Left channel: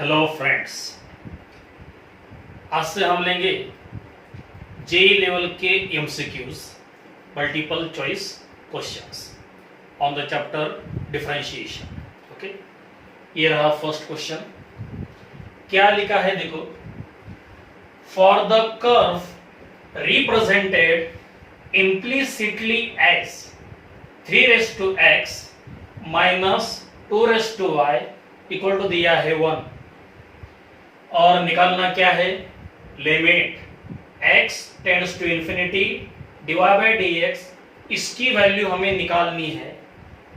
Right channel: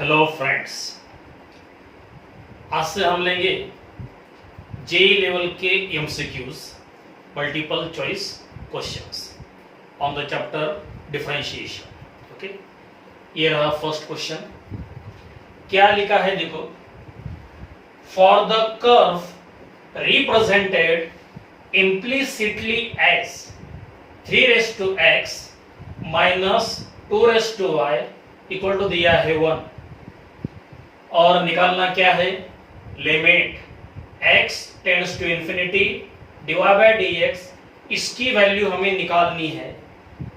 Hello friends, आज से हम लेंगे जेई लेवल के MCQs multiple choice questions on the chapter differentiation. Okay, ये रहा फर्स्ट क्वेश्चन। क्या लिखा है देखो, for the curve represented implicitly as 3x minus 2y equal to दिया है 1, और निकालना क्या है, limit x tends to infinity divide by dx, इसकी वैल्यू हमें निकालनी है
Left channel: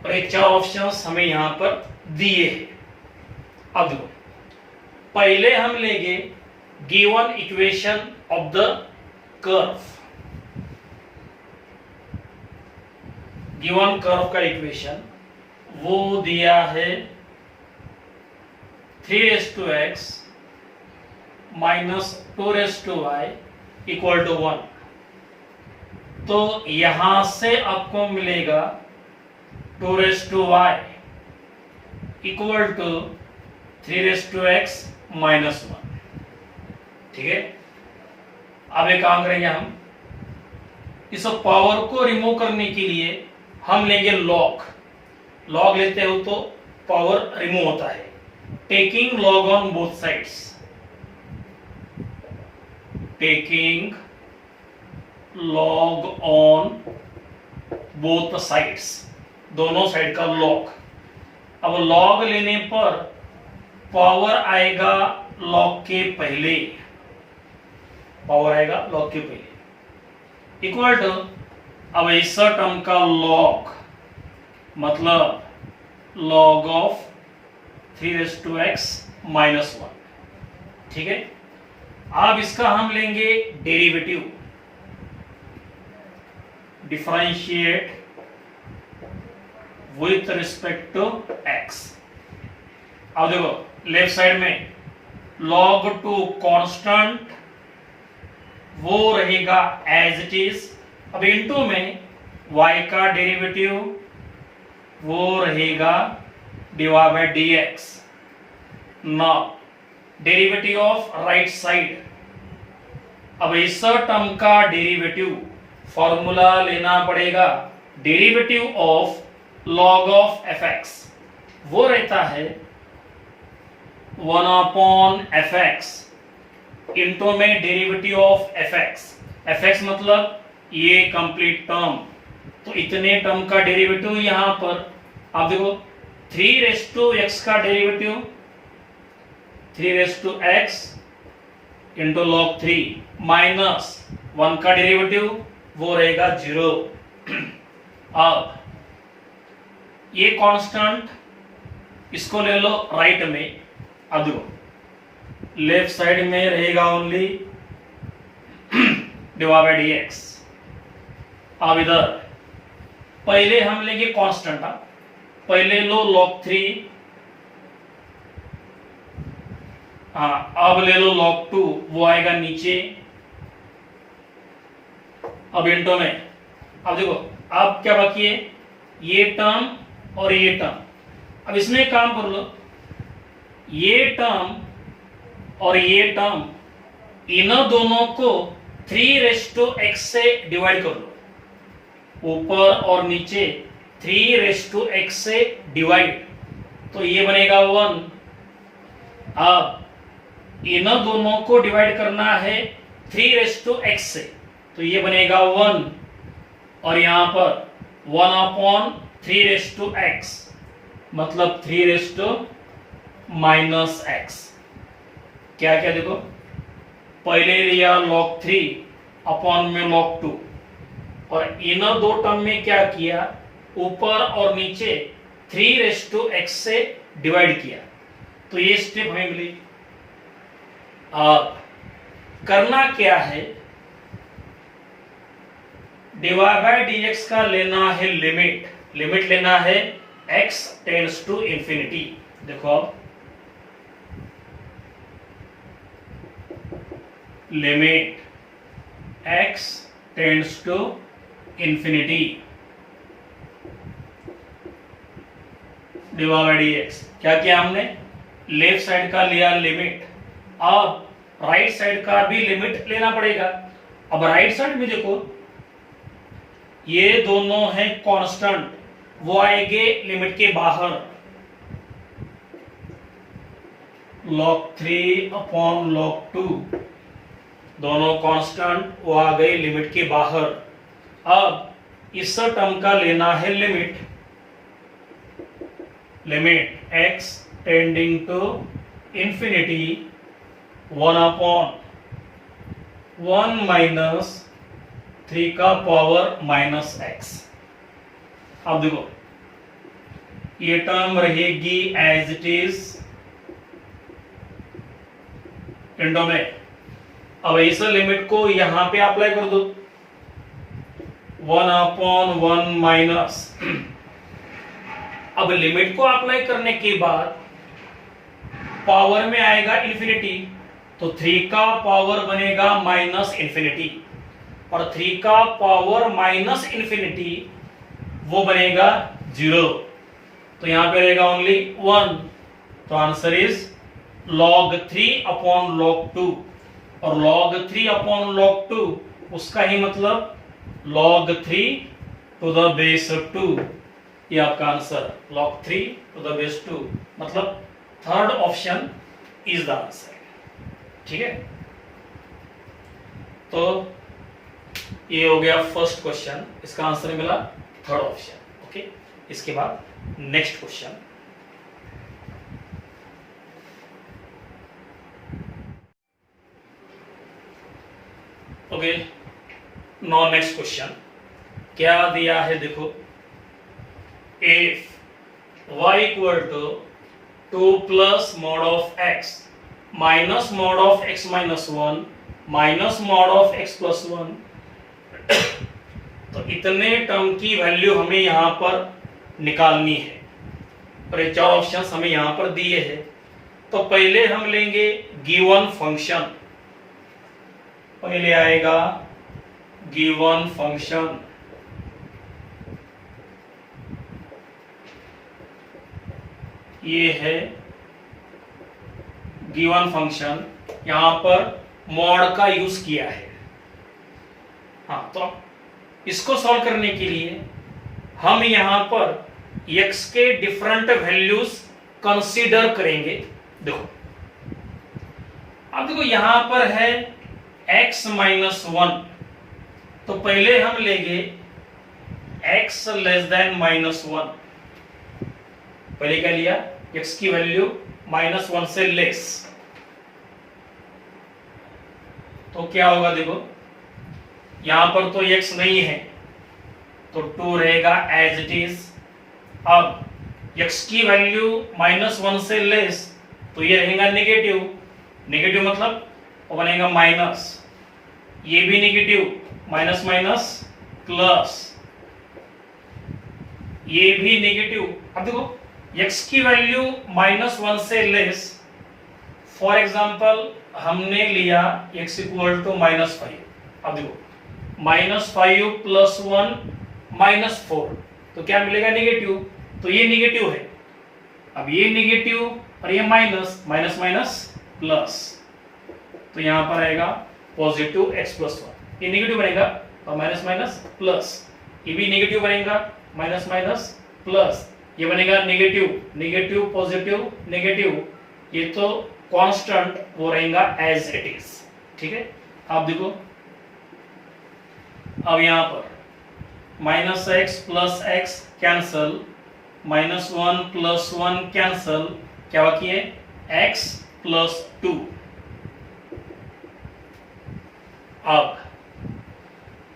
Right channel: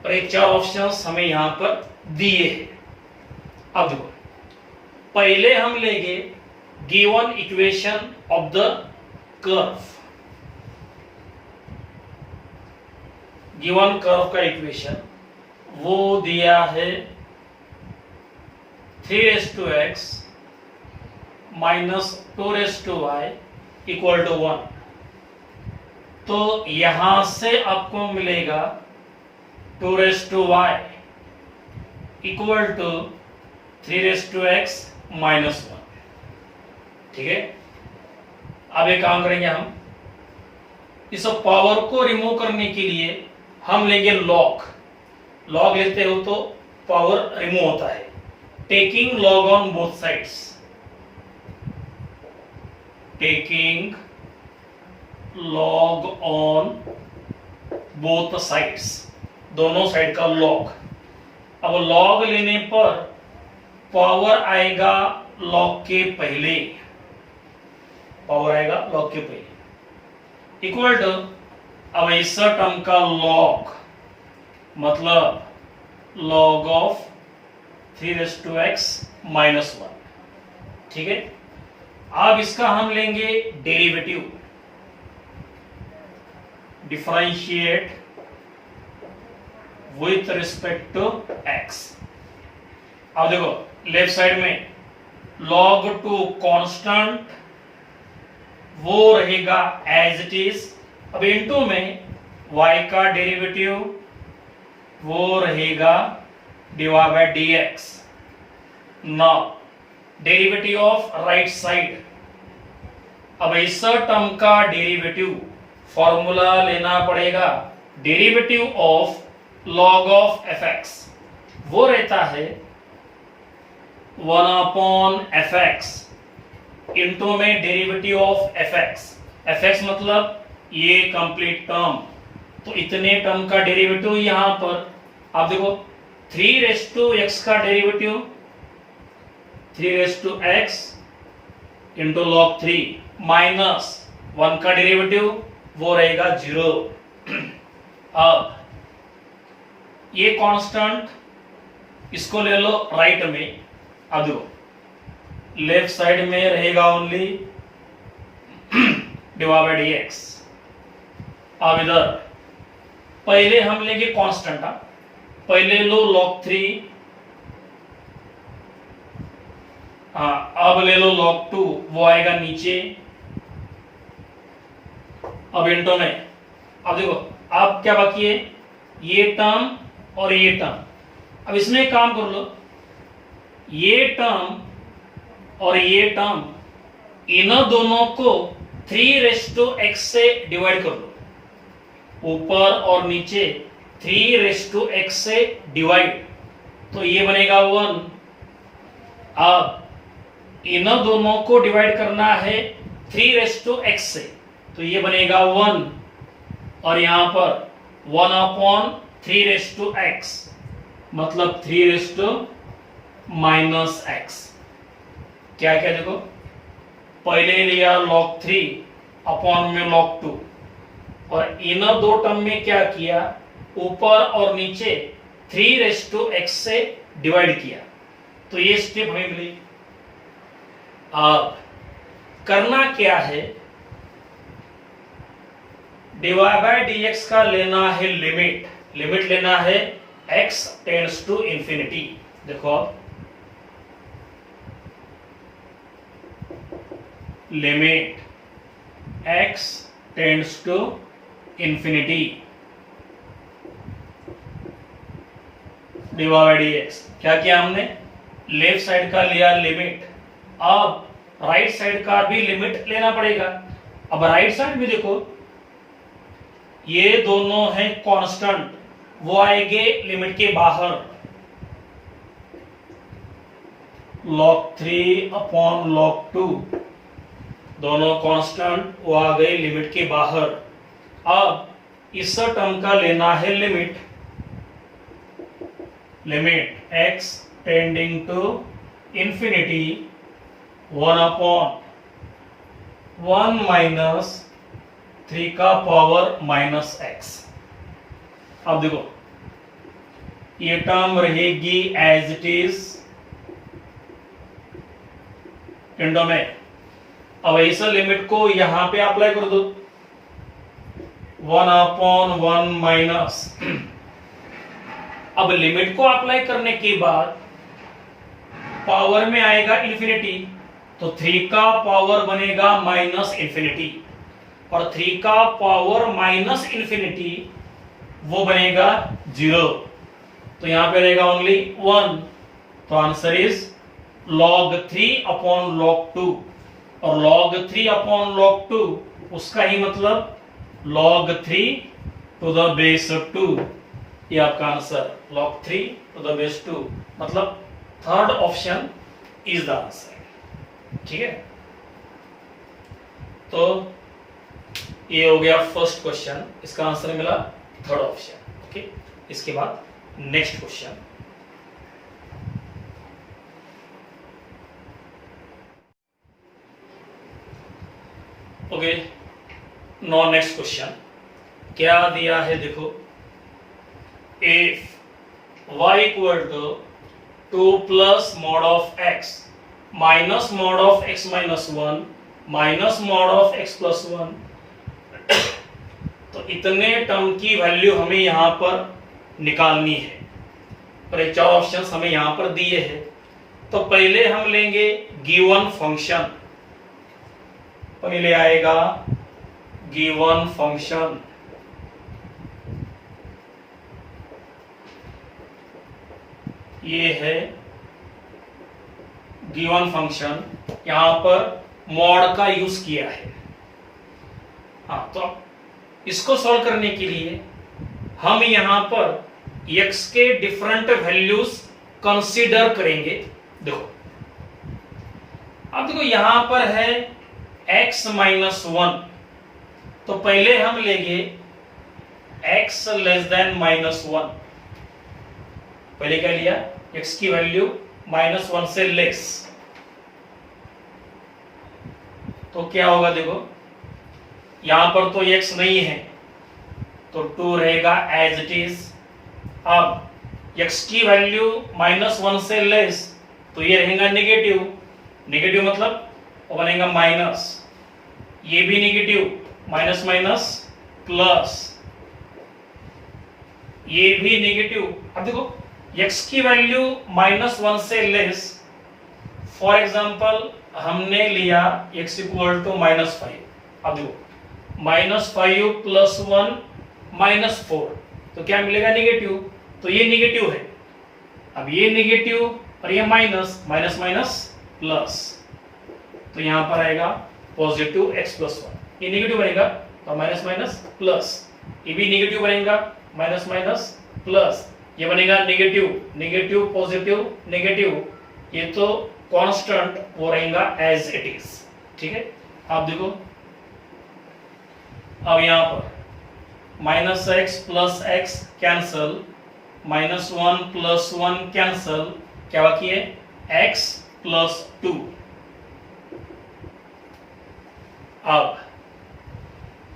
और एक चार ऑप्शंस हमें यहां पर दिए हैं। अब देखो, पहले हम लेंगे given equation of the curve. Given curve का इक्वेशन वो दिया है 3x minus 2y equal to 1। तो यहां से आपको मिलेगा 2y equal to 3x minus 1। ठीक है, अब एक काम करेंगे हम, इस पावर को रिमूव करने के लिए हम लेंगे लॉग। लॉग लेते हो तो पावर रिमूव होता है। Taking log on both sides, taking log on both sides, दोनों साइड का लॉग। अब लॉग लेने पर पावर आएगा लॉग के पहले, पावर आएगा लॉग के पहले इक्वल टू, अब ऐसा टर्म का लॉग मतलब लॉग ऑफ 3x माइनस 1। ठीक है, अब इसका हम लेंगे derivative, differentiate with respect to x। अब देखो लेफ्ट साइड में log टू कांस्टेंट वो रहेगा एज इट इज। अब इनटू में y का डेरिवेटिव वो रहेगा divide by dx। Now derivative of right side, अब इस टर्म का डेरिवेटिव फॉर्मूला लेना पड़ेगा, derivative of log of fx वो रहता है 1 अपॉन fx इनटू में डेरिवेटिव ऑफ fx मतलब ये कंप्लीट टर्म, तो इतने टर्म का डेरिवेटिव यहां पर आप देखो 3x का derivative 3x into log 3 minus 1 का डेरिवेटिव वो रहेगा 0। अब ये कांस्टेंट इसको ले लो राइट में। अब देखो लेफ्ट साइड में रहेगा ओनली डिवाइड बाय dx। अब इधर पहले हम लेंगे कांस्टेंट, पहले लो log 3, हाँ अब ले लो log 2 वो आएगा नीचे। अब इंटो में अब देखो, अब क्या बाकी है, ये टर्म और ये टर्म। अब इसमें काम कर लो, ये टर्म और ये टर्म इन दोनों को 3x से डिवाइड कर लो, ऊपर और नीचे 3x से डिवाइड, तो ये बनेगा 1। अब इन दोनों को डिवाइड करना है 3x से, तो ये बनेगा 1, और यहां पर 1 अपॉन 3x मतलब 3 माइनस x। क्या क्या देखो, पहले लिया log 3 अपॉन में log 2, और इन दो टर्म में क्या किया, ऊपर और नीचे 3x से डिवाइड किया, तो ये स्टेप हमें मिली। अब करना क्या है, डिवाइड बाय dx का लेना है लिमिट, लिमिट लेना है x टेंड्स टू इंफिनिटी। देखो limit x tends to infinity divide by dx। क्या किया हमने, लेफ्ट साइड का लिया लिमिट, अब राइट साइड का भी लिमिट लेना पड़ेगा। अब राइट साइड में देखो ये दोनों हैं कांस्टेंट, वो आएंगे लिमिट के बाहर, log 3 अपॉन log 2, दोनों कांस्टेंट, वो आ गए लिमिट के बाहर। अब इस टर्म का लेना है limit, limit x tending to infinity 1 upon 1 minus 3 का पावर माइनस x। अब देखो ये टर्म रहेगी एज इट इज इंडो में। अब इस लिमिट को यहां पे अप्लाई कर दो, 1 अपॉन 1 माइनस, अब लिमिट को अप्लाई करने के बाद पावर में आएगा इंफिनिटी, तो 3 का पावर बनेगा माइनस इंफिनिटी, और 3 का पावर माइनस इंफिनिटी वो बनेगा 0, तो यहां पे रहेगा ओनली 1, तो answer is log 3 upon log 2, और log 3 अपॉन log 2 उसका ही मतलब log 3 टू द बेस 2, ये आपका answer log 3 to the base 2, मतलब third option is the answer. ठीक है, तो ये हो गया फर्स्ट क्वेश्चन, इसका आंसर मिला थर्ड ऑप्शन। ओके, इसके बाद next question, okay, no next question क्या दिया है देखो, if y equal to 2 plus mod of x minus mod of x minus 1 minus mod of x plus 1, तो इतने टर्म की वैल्यू हमें यहां पर निकालनी है, और ये 4 ऑप्शंस हमें यहां पर दिए हैं। तो पहले हम लेंगे गिवन फंक्शन, पहले आएगा गिवन फंक्शन, ये है गिवन फंक्शन, यहां पर मॉड का यूज किया है। हाँ, तो इसको सॉल्व करने के लिए हम यहां पर x के डिफरेंट वैल्यूज कंसीडर करेंगे। देखो, अब देखो यहां पर है x माइनस 1, तो पहले हम लेंगे x लेस देन माइनस 1, पहले क्या लिया, x की वैल्यू माइनस 1 से लेस, तो क्या होगा देखो यहां पर तो x नहीं है, तो 2 रहेगा एज इट इज। अब x की वैल्यू माइनस 1 से लेस, तो ये रहेगा नेगेटिव, नेगेटिव मतलब वो बनेगा माइनस, ये भी नेगेटिव, माइनस माइनस प्लस, ये भी नेगेटिव। अब देखो x की वैल्यू माइनस 1 से लेस, फॉर एग्जांपल हमने लिया x इक्वल टू माइनस 5, अब देखो माइनस 5 प्लस 1 माइनस 4, तो क्या मिलेगा नेगेटिव, तो ये नेगेटिव है। अब ये नेगेटिव और ये माइनस, माइनस माइनस प्लस, तो यहां पर आएगा पॉजिटिव x प्लस 1, ये नेगेटिव बनेगा तो माइनस माइनस प्लस, ये भी नेगेटिव बनेगा, माइनस माइनस प्लस, ये बनेगा नेगेटिव, नेगेटिव पॉजिटिव नेगेटिव, ये तो कांस्टेंट वो रहेगा एज इट इज। ठीक है, आप देखो अब यहां पर minus x plus x cancel, minus 1 plus 1 cancel, क्या बाकी है x प्लस 2। अब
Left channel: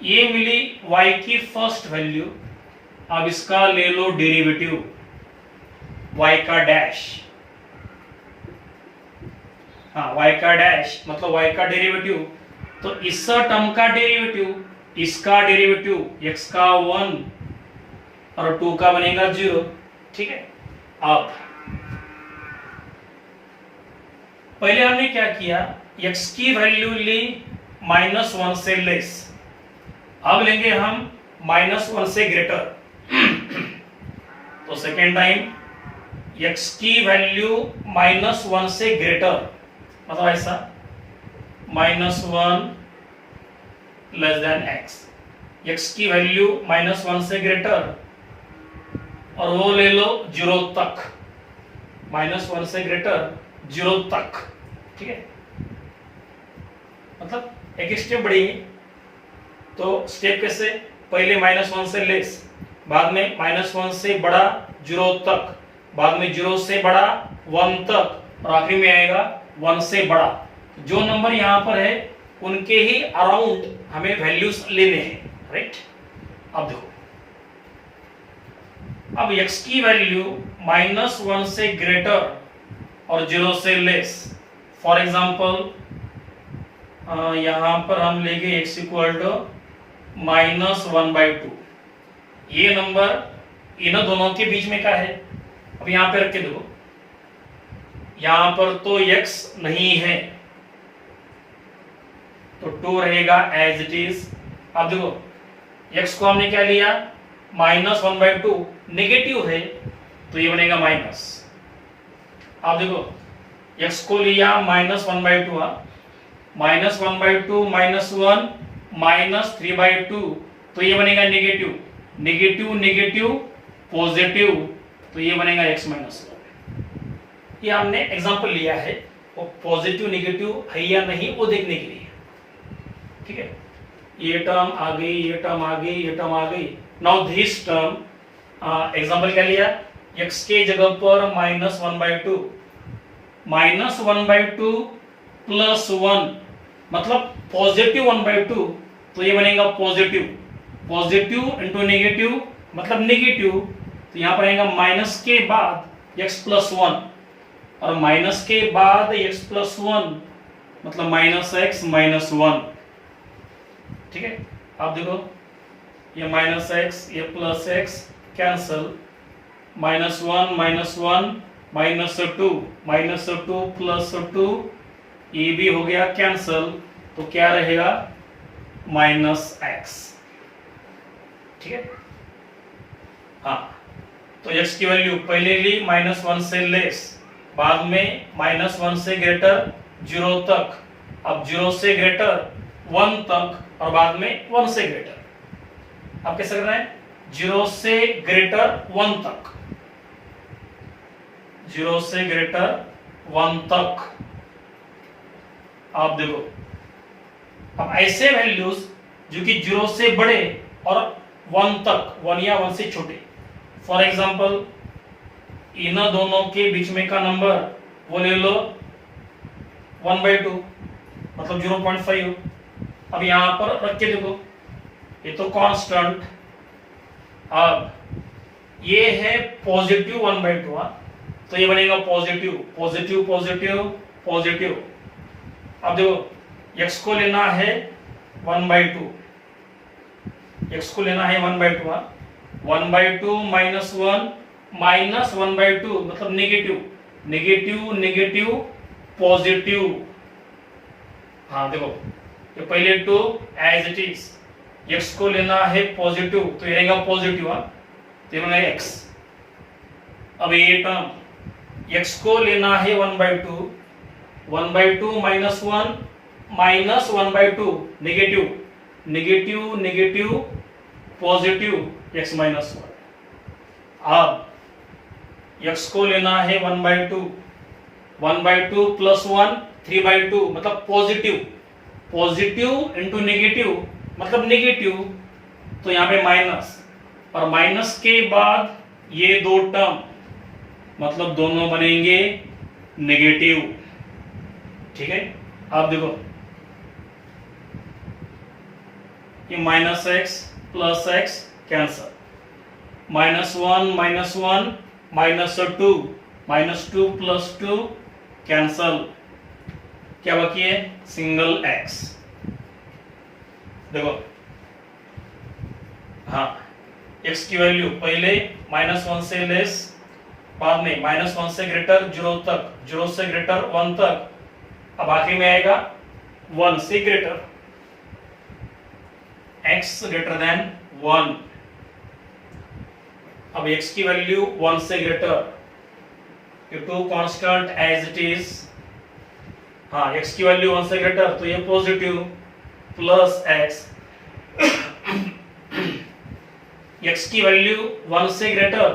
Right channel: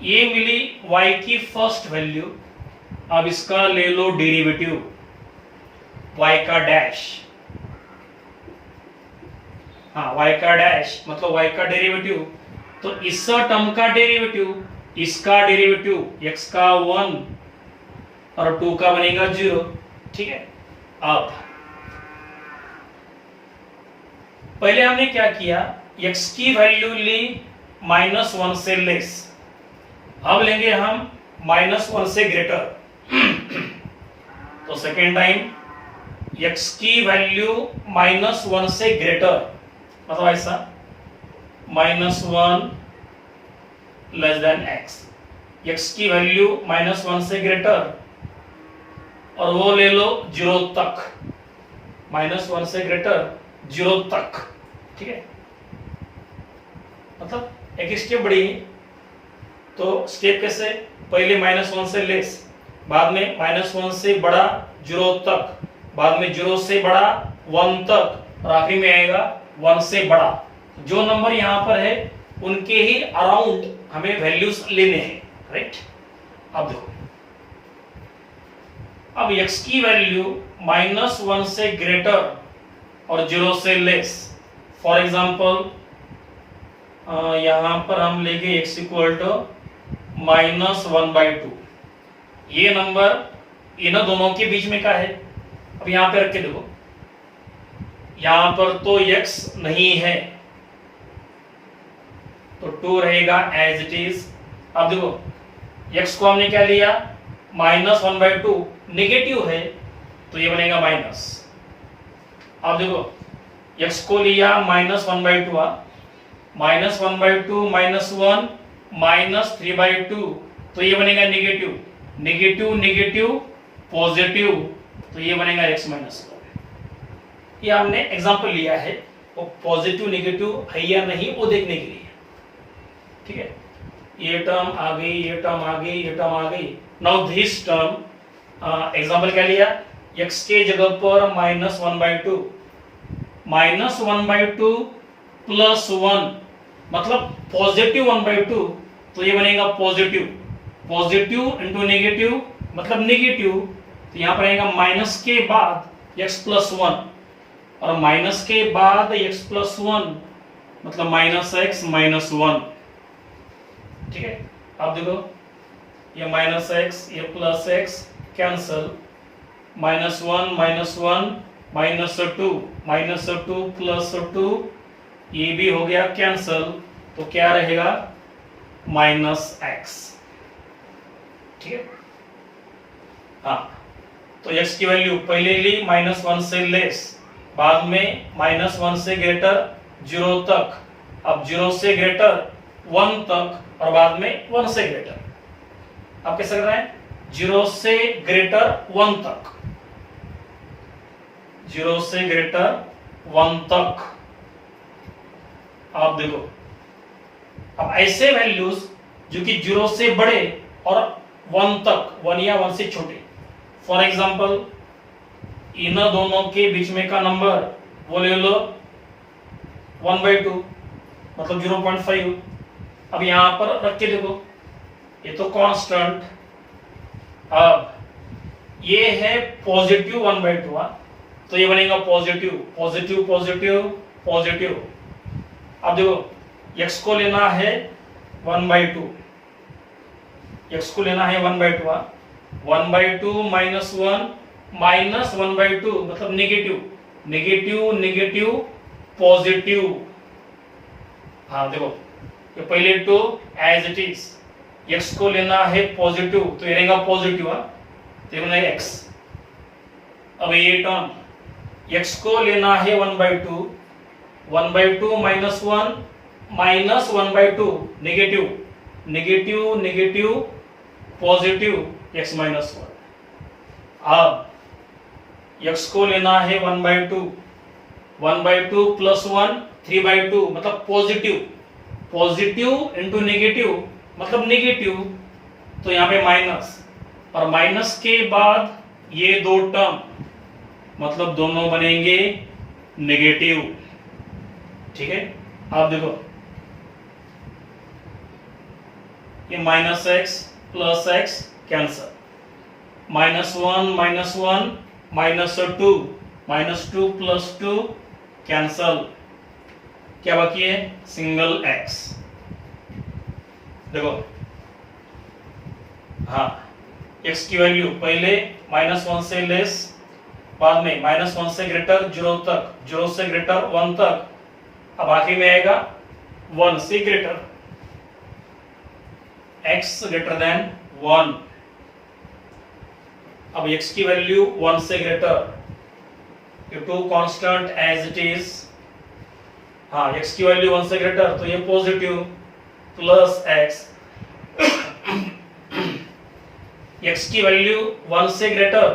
ये मिली y की फर्स्ट वैल्यू, अब इसका ले लो डेरिवेटिव, y का डैश, हाँ y का डैश मतलब y का डेरिवेटिव, तो इस टर्म का डेरिवेटिव, इसका डेरिवेटिव x का 1 और 2 का बनेगा 0। ठीक है, अब पहले हमने क्या किया, x की वैल्यू ली माइनस 1 से लेस, अब लेंगे हम माइनस 1 से ग्रेटर, तो सेकेंड टाइम x की वैल्यू -1 से ग्रेटर, मतलब ऐसा -1 लेस देन x, x की वैल्यू -1 से ग्रेटर, और वो ले लो 0 तक, -1 से ग्रेटर 0 तक, ठीक है। मतलब एक स्टेप बढ़ी, तो स्टेप कैसे, पहले -1 से लेस, बाद में -1 से बड़ा 0 तक, बाद में 0 से बड़ा 1 तक, और आखिरी में आएगा 1 से बड़ा। जो नंबर यहां पर है उनके ही अराउंड हमें वैल्यूज लेने हैं, राइट। अब देखो, अब x की वैल्यू -1 से ग्रेटर और 0 से लेस, फॉर एग्जाम्पल यहां पर हम लेंगे x इक्वल टू -1/2। ये नंबर इन दोनों के बीच में का है। अब यहां पे रख के देखो, यहां पर तो x नहीं है, तो 2 रहेगा एज इट इज। अब देखो, x को हमने क्या लिया, -1/2, नेगेटिव है तो ये बनेगा माइनस। अब देखो, x को लिया -1/2, -1/2 -1 -3/2, तो ये बनेगा नेगेटिव, नेगेटिव नेगेटिव पॉजिटिव, तो ये बनेगा x -1। ये हमने एग्जांपल लिया है, वो पॉजिटिव नेगेटिव है या नहीं वो देखने के लिए, ठीक है। ये टर्म आ गई, ये टर्म आ गई, ये टर्म आ गई। नाउ दिस टर्म, एग्जांपल क्या लिया, x के जगह पर -1/2, -1/2 +1, मतलब पॉजिटिव 1/2, तो ये बनेगा पॉजिटिव, पॉजिटिव इंटू नेगेटिव मतलब नेगेटिव, तो यहां पर आएगा माइनस के बाद x +1, और माइनस के बाद x +1 मतलब -x -1, ठीक है। अब देखो, ये -x ये +x कैंसल, -1 -1 -2 +2, ये भी हो गया कैंसल, तो क्या रहेगा -x, ठीक है। हाँ, तो x की वैल्यू पहले ली -1 से लेस, बाद में -1 से ग्रेटर 0 तक, अब 0 से ग्रेटर 1 तक, और बाद में 1 से ग्रेटर। अब कैसे करना है, 0 से ग्रेटर 1 तक, 0 से ग्रेटर 1 तक। आप देखो, अब ऐसे वैल्यूज जो कि 0 से बड़े और 1 तक, 1 या 1 से छोटे, फॉर एग्जांपल इन दोनों के बीच में का नंबर वो ले लो 1/2 मतलब 0.5। अब यहां पर रख के देखो, ये तो कांस्टेंट, अब ये है पॉजिटिव 1/2, तो ये बनेगा पॉजिटिव पॉजिटिव पॉजिटिव पॉजिटिव। अब देखो, x को लेना है 1/2, x को लेना है 1/2, 1/2 -1 -1/2 मतलब नेगेटिव नेगेटिव नेगेटिव पॉजिटिव। हाँ देखो, तो पहले two as it is, x को लेना है पॉजिटिव, तो ये रहेगा पॉजिटिव, तो बनेगा x। अब ये टर्म x को लेना है 1/2, 1/2 -1 -1/2 negative negative negative positive x -1। अब x को लेना है 1/2, 1/2 +1 3/2 मतलब पॉजिटिव, पॉजिटिव इंटू नेगेटिव मतलब नेगेटिव, तो यहाँ पे माइनस, और माइनस के बाद ये दो टर्म मतलब दोनों बनेंगे नेगेटिव, ठीक है। आप देखो, ये -x +x कैंसल, -1 -1 -2 +2 कैंसल, क्या बाकी है, सिंगल x। देखो, हाँ, x की वैल्यू पहले -1 से लेस, बाद में -1 से ग्रेटर 0 तक, 0 से ग्रेटर 1 तक, अब आखिरी में आएगा 1 से ग्रेटर, x ग्रेटर देन 1। अब x की वैल्यू 1 से greater, two constant as it is, हाँ x की वैल्यू 1 से ग्रेटर तो ये पॉजिटिव प्लस x, x की वैल्यू 1 से ग्रेटर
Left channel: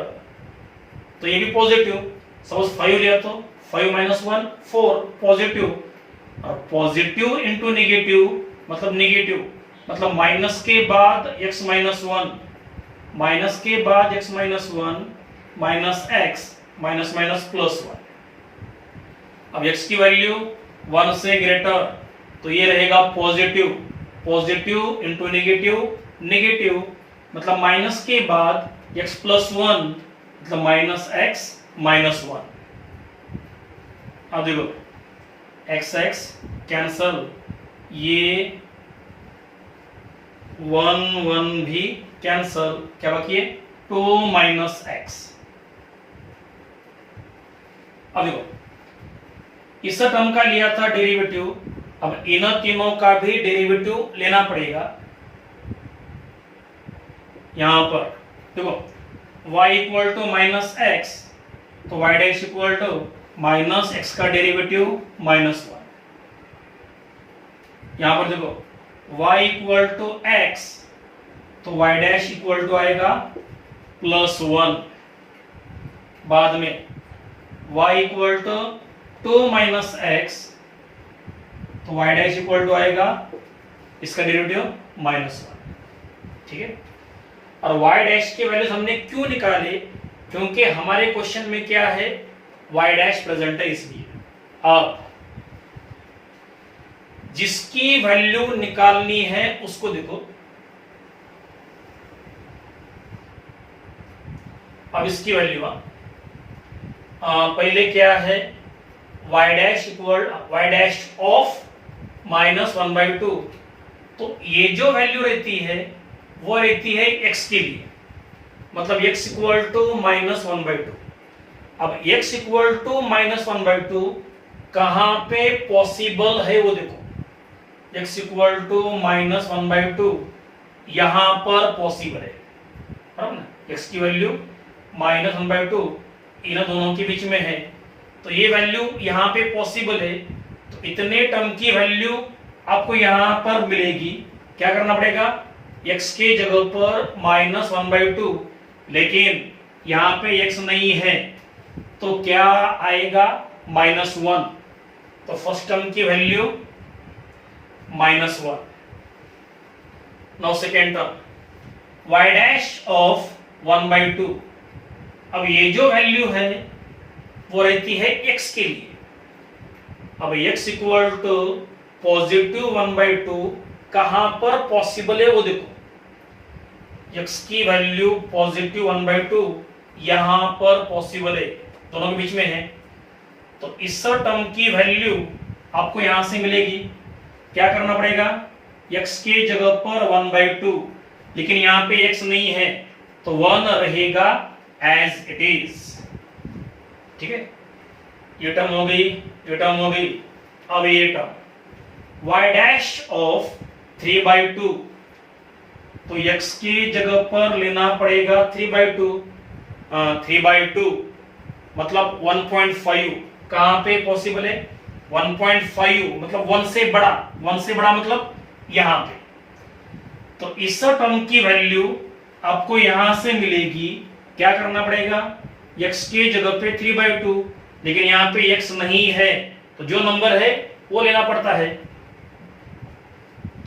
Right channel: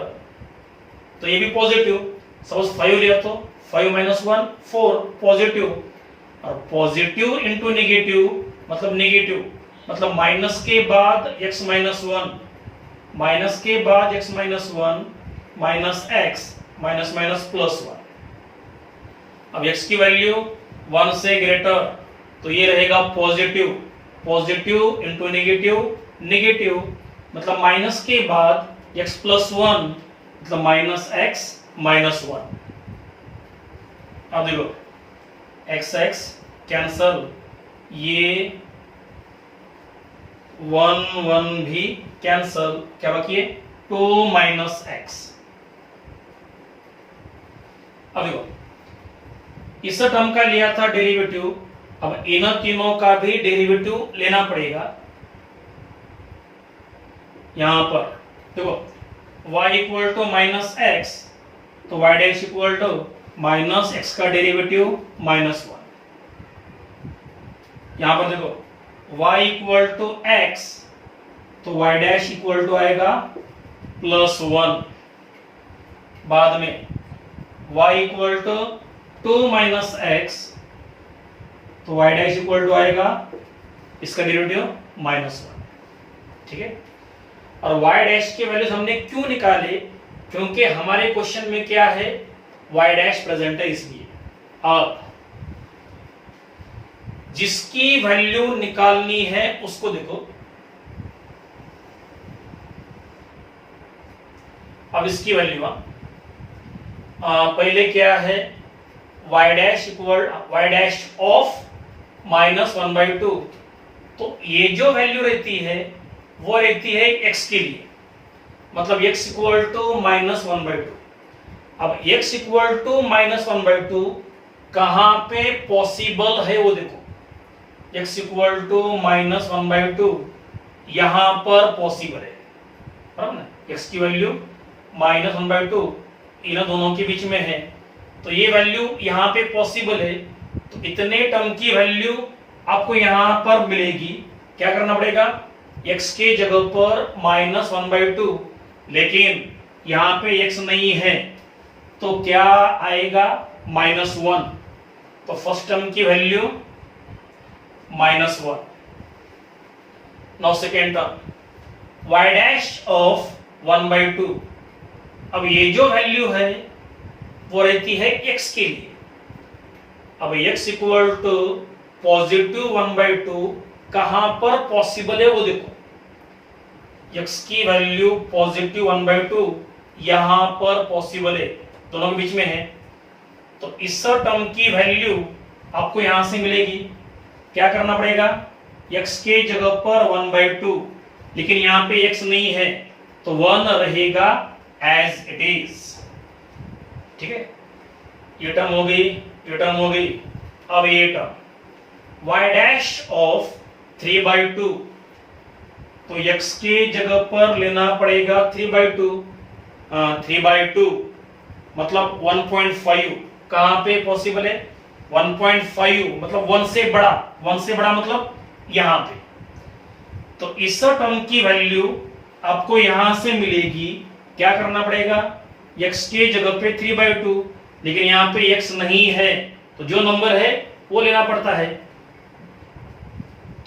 तो ये भी पॉजिटिव, सपोज 5 लिया तो 5 माइनस 1 4 पॉजिटिव, और पॉजिटिव इंटू नेगेटिव मतलब नेगेटिव, मतलब माइनस के बाद x माइनस 1, माइनस के बाद x minus 1 minus x minus minus plus 1। अब x की वैल्यू 1 से ग्रेटर तो ये रहेगा positive, positive into negative negative, मतलब माइनस के बाद x प्लस 1 मतलब माइनस x माइनस 1। अब देखो x x कैंसल, ये 1 1 भी कैंसल, क्या बाकी है 2 माइनस x। अब देखो इस टर्म का लिया था डेरिवेटिव, अब इन तीनों का भी डेरिवेटिव लेना पड़ेगा। यहां पर देखो y equal to minus X तो y dash equal to minus X का डेरिवेटिव माइनस 1। यहां पर देखो y इक्वल टू एक्स तो y डैश इक्वल टू आएगा प्लस 1। बाद में y equal to 2 minus X तो y डैश इक्वल टू आएगा इसका डेरिवेटिव माइनस 1। ठीक है, और y डैश के वैल्यूज हमने क्यों निकाले, क्योंकि हमारे क्वेश्चन में क्या है y डैश प्रेजेंट है इसलिए। अब जिसकी वैल्यू निकालनी है उसको देखो, अब इसकी वैल्यू पहले क्या है y dash equal y dash of minus 1/2, तो ये जो वैल्यू रहती है वो रहती है x के लिए, मतलब x इक्वल टू माइनस 1/2। अब x इक्वल टू माइनस 1/2 कहां पे पॉसिबल है वो देखो, x इक्वल टू माइनस 1/2 यहां पर पॉसिबल है, बराबर ना, x की वैल्यू माइनस 1/2 इन दोनों के बीच में है, तो ये वैल्यू यहां पे पॉसिबल है, तो इतने टर्म की वैल्यू आपको यहां पर मिलेगी। क्या करना पड़ेगा, x के जगह पर माइनस 1/2, लेकिन यहां पे x नहीं है तो क्या आएगा माइनस 1, तो फर्स्ट टर्म की value minus 1। Now second term y dash of 1/2, अब ये जो वैल्यू है वो रहती है x के लिए। अब x इक्वल टू पॉजिटिव 1/2 कहां पर पॉसिबल है वो देखो, x की वैल्यू पॉजिटिव 1/2 यहां पर पॉसिबल है, दोनों के बीच में है, तो इस टर्म की वैल्यू आपको यहां से मिलेगी। क्या करना पड़ेगा, x के जगह पर 1/2, लेकिन यहां पे x नहीं है तो 1 रहेगा एज इट इज। ठीक है, ये टर्म हो गई, ये टर्म हो गई। अब ये टर्म y डैश ऑफ 3/2, तो x की जगह पर लेना पड़ेगा 3/2, 3/2 मतलब 1.5 कहां पे पॉसिबल है, 1.5 मतलब 1 से बड़ा, 1 से बड़ा मतलब यहां पे, तो इस टर्म की वैल्यू आपको यहां से मिलेगी। क्या करना पड़ेगा, x के जगह पे 3/2, लेकिन यहां पे x नहीं है तो जो नंबर है वो लेना पड़ता है।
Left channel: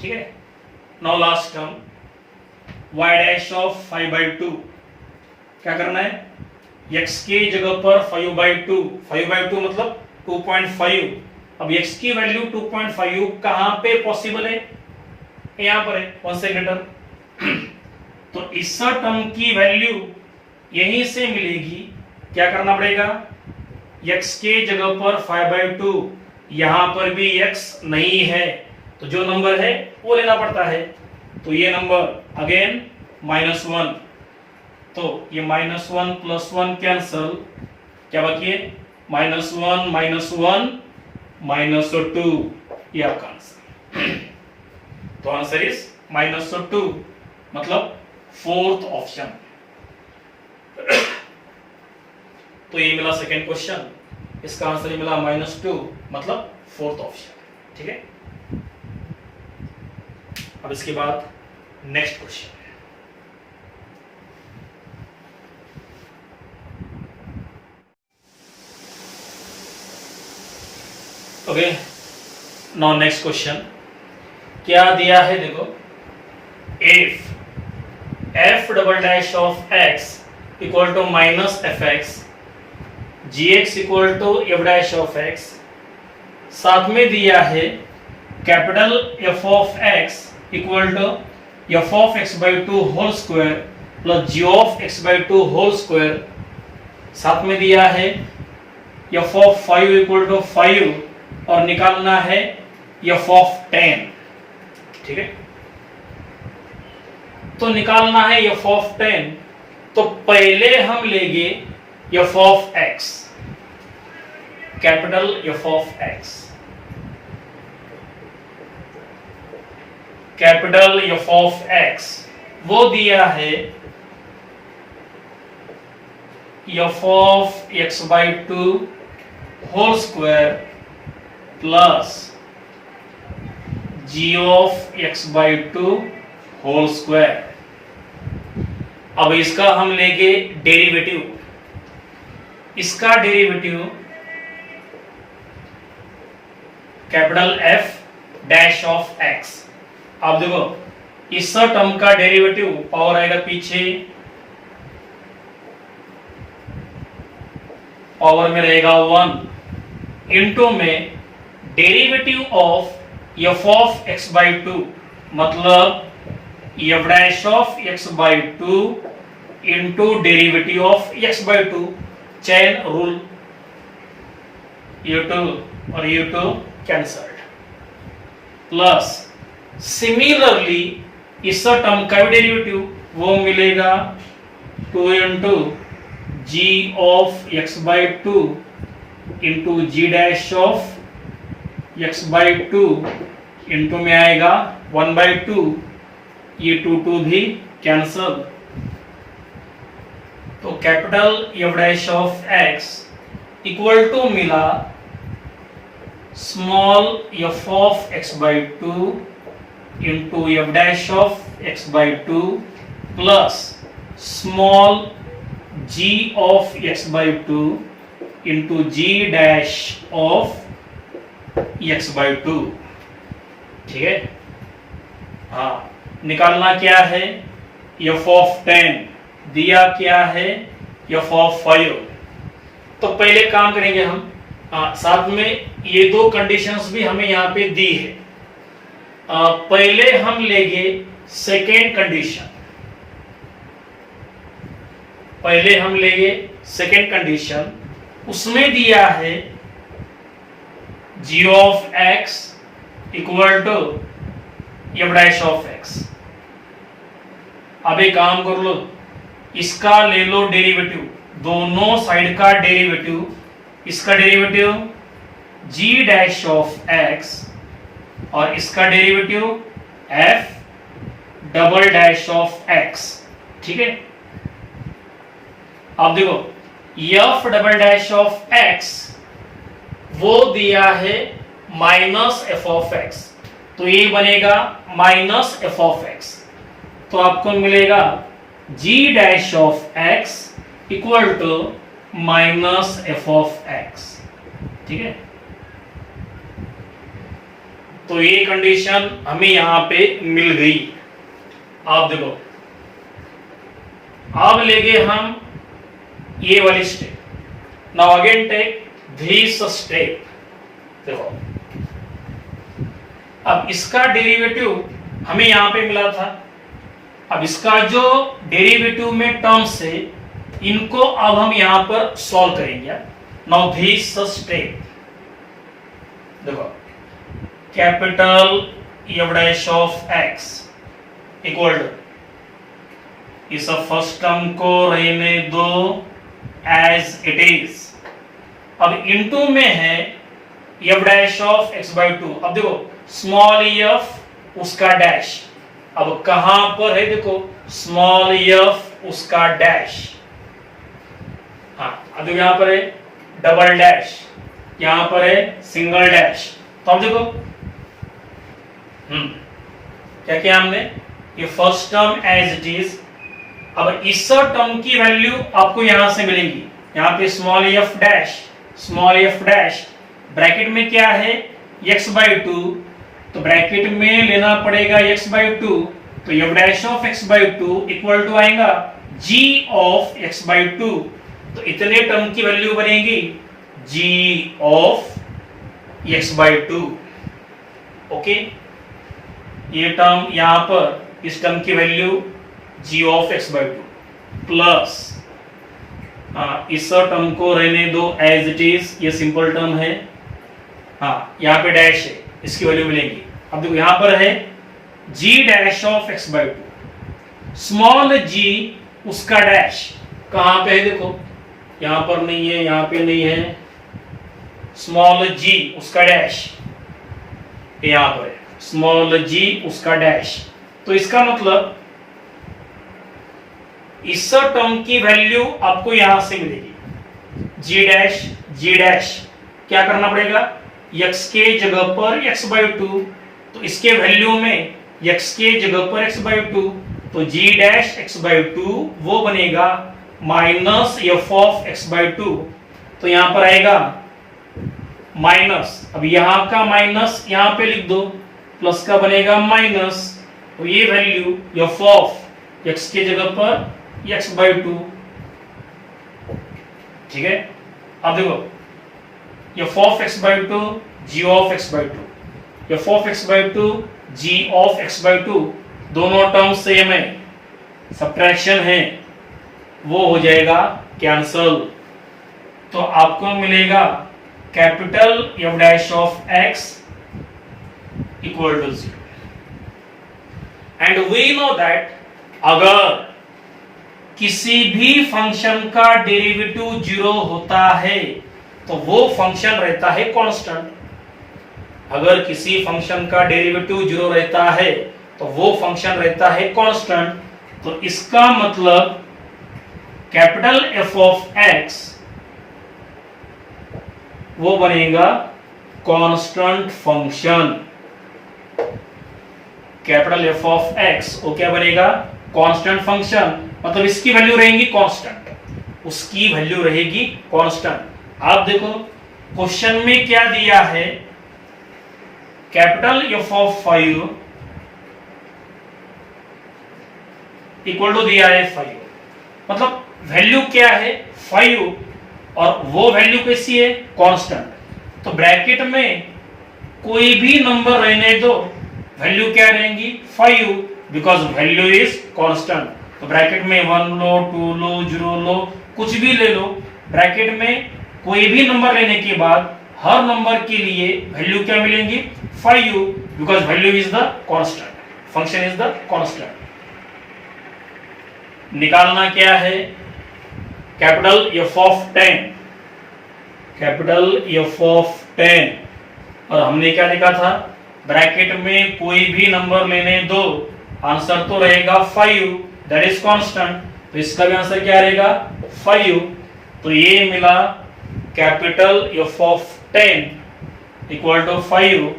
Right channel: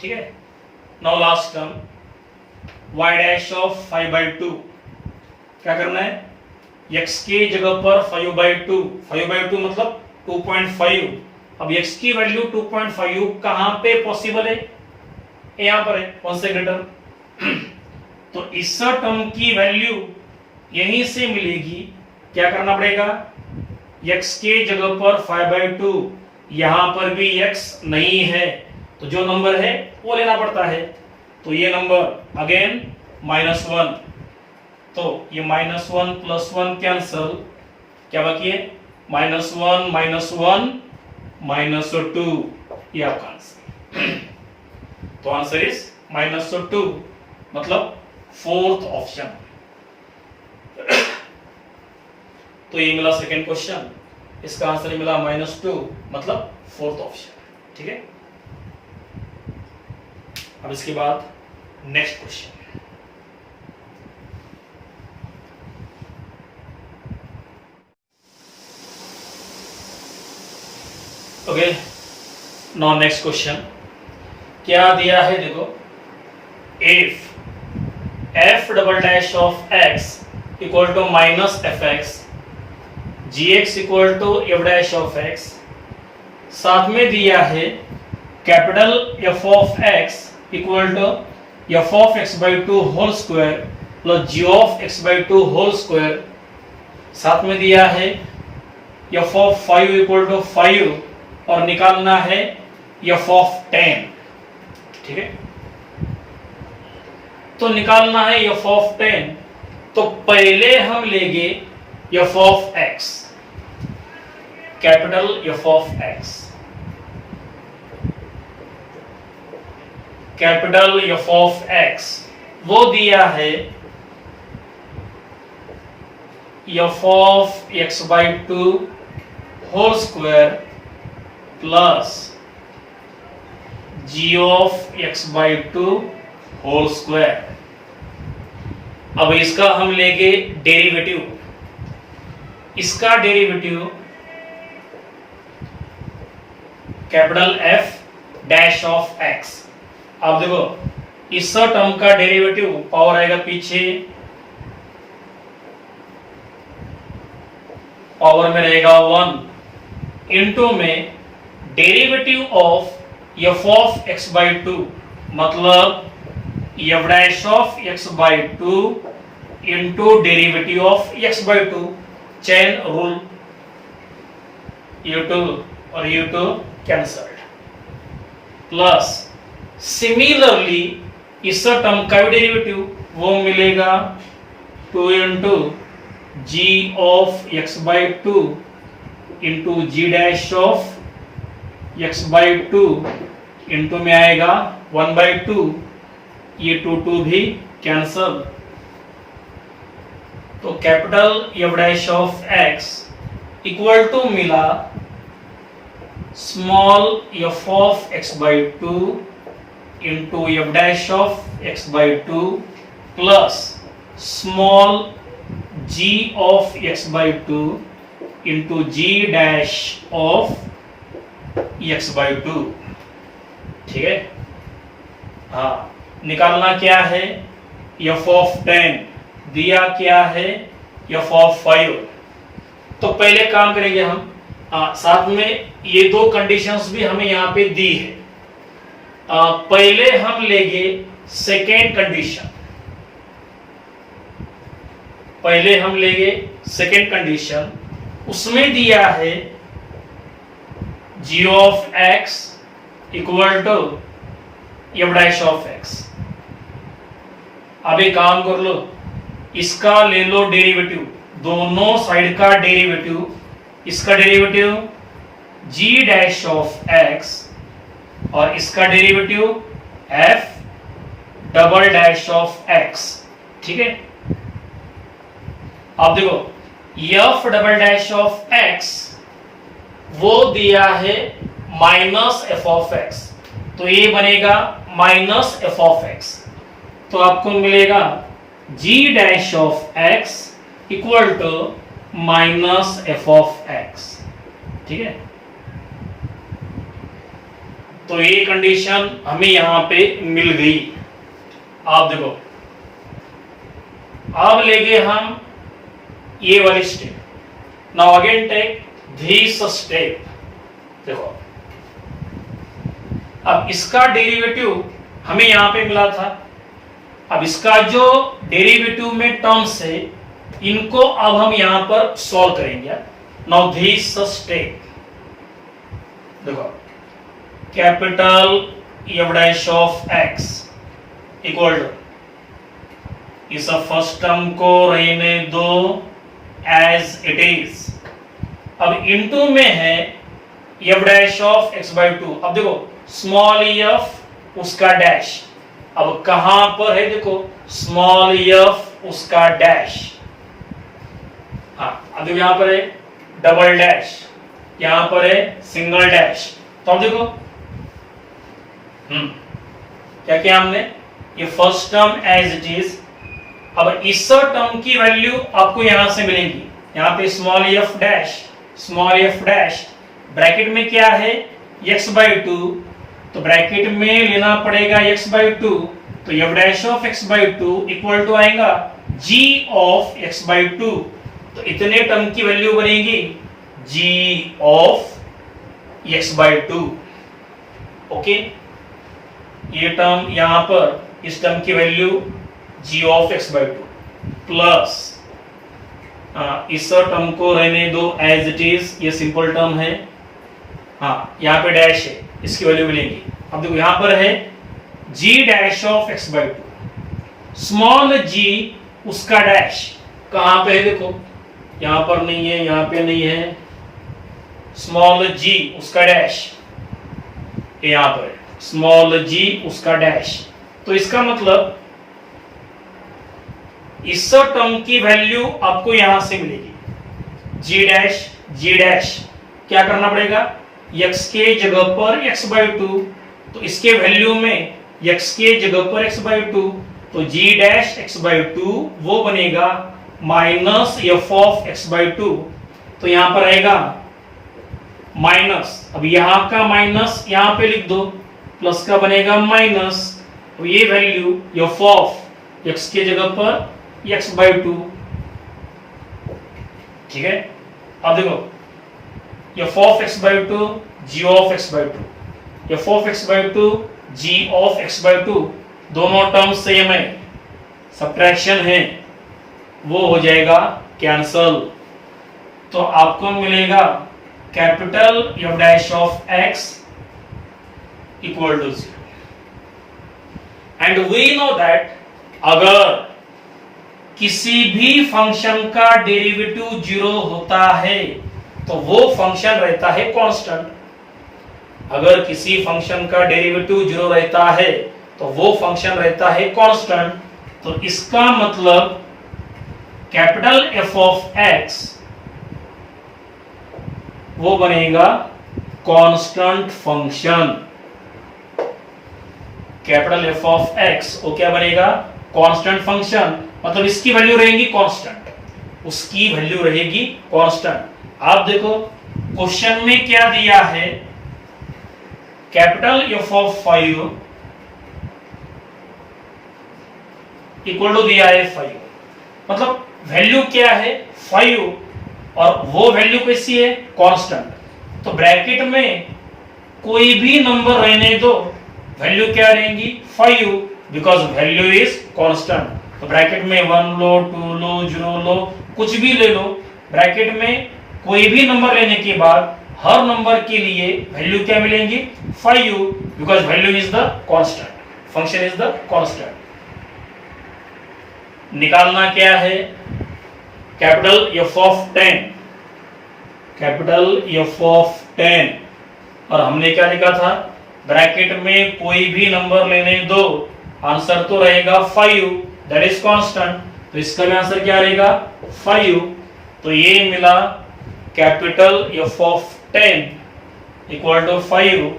ठीक है, now last term y dash of 5/2, क्या करना है, x के जगह पर 5/2, 5/2 मतलब 2.5, अब x की वैल्यू 2.5 कहां पे पॉसिबल है, यहां पर है 1 से ग्रेटर, तो इस टर्म की वैल्यू यहीं से मिलेगी। क्या करना पड़ेगा, x के जगह पर 5/2, यहां पर भी x नहीं है तो जो नंबर है वो लेना पड़ता है, तो ये नंबर अगेन -1, तो ये -1 प्लस 1 कैंसल, क्या बाकी है -1 -2, ये आपका आंसर। तो आंसर इज -2, मतलब फोर्थ ऑप्शन। तो ये मिला सेकेंड क्वेश्चन। इसका आंसर ही मिला -2, मतलब फोर्थ ऑप्शन। ठीक है, अब इसके बाद next question. Okay, now next question क्या दिया है, देखो, if f double dash of x equal to minus F X, G X equal to F dash of x, साथ में दिया है capital f of x equal to F of x by 2 whole square plus G of x by 2 whole square, साथ में दिया है f of 5 equal to 5 और निकालना है f ऑफ 10। ठीक है, तो निकालना है f ऑफ 10, तो पहले हम लेंगे f of x, capital f of x, capital f of x, वो दिया है f of x by 2 whole square plus g of x by 2 whole square. अब इसका हम लेंगे डेरिवेटिव, इसका derivative capital f dash of x। अब देखो, इस टर्म का डेरिवेटिव पावर आएगा पीछे, पावर में रहेगा 1 इनटू में derivative of f of x by 2, मतलब f dash of x by 2 into derivative of x by 2, chain rule, u2 और u2 कैंसल्ड, प्लस सिमिलरली इस टर्म का डेरिवेटिव वो मिलेगा 2 into g of x by 2 into g dash of x by 2 into में आएगा 1 by 2, ये 2 भी कैंसल, तो capital f dash of x equal to मिला small f of x by 2 into f dash of x by 2 plus small g of x by 2 into g dash of x by 2। ठीक है, हाँ, निकालना क्या है, f ऑफ 10, दिया क्या है f ऑफ 5। तो पहले काम करेंगे हम, साथ में ये दो कंडीशंस भी हमें यहां पे दी है। पहले हम लेंगे सेकेंड कंडीशन, पहले हम लेंगे सेकेंड कंडीशन, उसमें दिया है g of x equal to f dash of x। अब एक काम कर लो, इसका ले लो डेरिवेटिव, दोनों साइड का डेरिवेटिव, इसका derivative g dash of x और इसका derivative f double dash of x। ठीक है, अब देखो f double dash of x वो दिया है माइनस एफ ऑफ x, तो ये बनेगा माइनस एफ ऑफ x, तो आपको मिलेगा g dash of x equal to minus f of x। ठीक है, तो ये कंडीशन हमें यहां पे मिल गई। आप देखो, अब लेंगे हम ये वाली step. Now again take this step. देखो, अब इसका डेरिवेटिव हमें यहां पे मिला था, अब इसका जो डेरिवेटिव में टर्म्स है इनको अब हम यहां पर सॉल्व करेंगे। नाउ दिस स्टेप, देखो, capital f dash of x equal to, इस फर्स्ट टर्म को रहने दो एज इट इज, अब इनटू में है f dash of x by 2। अब देखो स्मॉल f उसका डैश, अब कहां पर है, देखो स्मॉल f उसका डैश, हाँ, अब देखो यहां पर है डबल डैश, यहां पर है सिंगल डैश। तो अब देखो क्या किया हमने, ये first term as it is. अब इस टर्म की वैल्यू आपको यहां से मिलेगी, यहां पे स्मॉल एफ डैश, ब्रैकेट में क्या है x/2, तो ब्रैकेट में लेना पड़ेगा x/2, तो f dash of x/2 equal to आएगा g ऑफ x/2। तो इतने टर्म की वैल्यू बनेगी g ऑफ x/2। ओके, ये टर्म यहां पर इस टर्म की value g of x/2 plus इस टर्म को रहने दो एज इट इज, ये सिंपल टर्म है, हाँ यहाँ पे डैश है, इसकी वैल्यू मिलेगी। अब देखो यहां पर है g dash of x/2, small g उसका डैश कहां पे है, देखो यहां पर नहीं है, यहां पे नहीं है, स्मॉल g उसका डैश यहां पर है, स्मॉल g उसका डैश। तो इसका मतलब इस टर्म की वैल्यू आपको यहां से मिलेगी g डैश क्या करना पड़ेगा, x के जगह पर x/2, तो इसके वैल्यू में x के जगह पर x/2, तो g डैश x/2 वो बनेगा माइनस f ऑफ x/2। तो यहां पर आएगा माइनस, अब यहां का माइनस यहां पे लिख दो, प्लस का बनेगा माइनस, तो ये वैल्यू f ऑफ x के जगह पर x/2। ठीक है, अब देखो f of x/2 g of x/2, f of x/2 g of x/2 दोनों टर्म सेम है, सब्ट्रैक्शन है, वो हो जाएगा कैंसल। तो आपको मिलेगा capital f dash of x equal to 0। And we know that अगर किसी भी फंक्शन का डेरिवेटिव 0 होता है तो वो फंक्शन रहता है कांस्टेंट। अगर किसी फंक्शन का डेरिवेटिव 0 रहता है तो वो फंक्शन रहता है कांस्टेंट। तो इसका मतलब कैपिटल F ऑफ x वो बनेगा constant function. Capital F of x वो क्या बनेगा, कांस्टेंट फंक्शन, मतलब इसकी वैल्यू रहेगी कांस्टेंट, उसकी वैल्यू रहेगी कांस्टेंट। आप देखो क्वेश्चन में क्या दिया है, capital F of 5 equal to दिया है 5, मतलब वैल्यू क्या है 5 और वो वैल्यू कैसी है कांस्टेंट। तो ब्रैकेट में कोई भी नंबर रहने दो, वैल्यू क्या रहेंगी 5, बिकॉज वैल्यू इज कांस्टेंट। तो ब्रैकेट में 1 लो, 2 लो, 0 लो, कुछ भी ले लो, ब्रैकेट में कोई भी नंबर लेने के बाद हर नंबर के लिए वैल्यू क्या मिलेंगी 5, because value is the constant, function is the constant. निकालना क्या है, capital F of 10, capital F of 10, और हमने क्या लिखा था, ब्रैकेट में कोई भी नंबर लेने दो, आंसर तो रहेगा 5, दैट इज कांस्टेंट। तो इसका भी आंसर क्या रहेगा 5। तो ये मिला capital F of 10 equal to 5,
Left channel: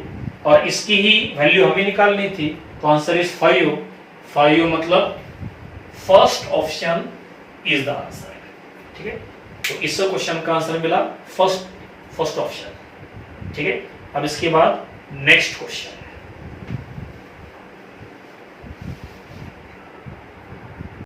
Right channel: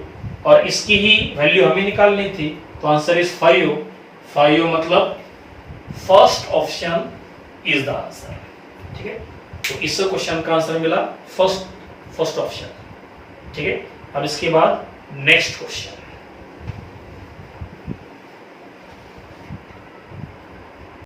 और इसकी ही वैल्यू हमें निकालनी थी, तो आंसर इज 5 मतलब first option is the answer. ठीक है, तो इस क्वेश्चन का आंसर मिला फर्स्ट ऑप्शन। ठीक है, अब इसके बाद नेक्स्ट क्वेश्चन।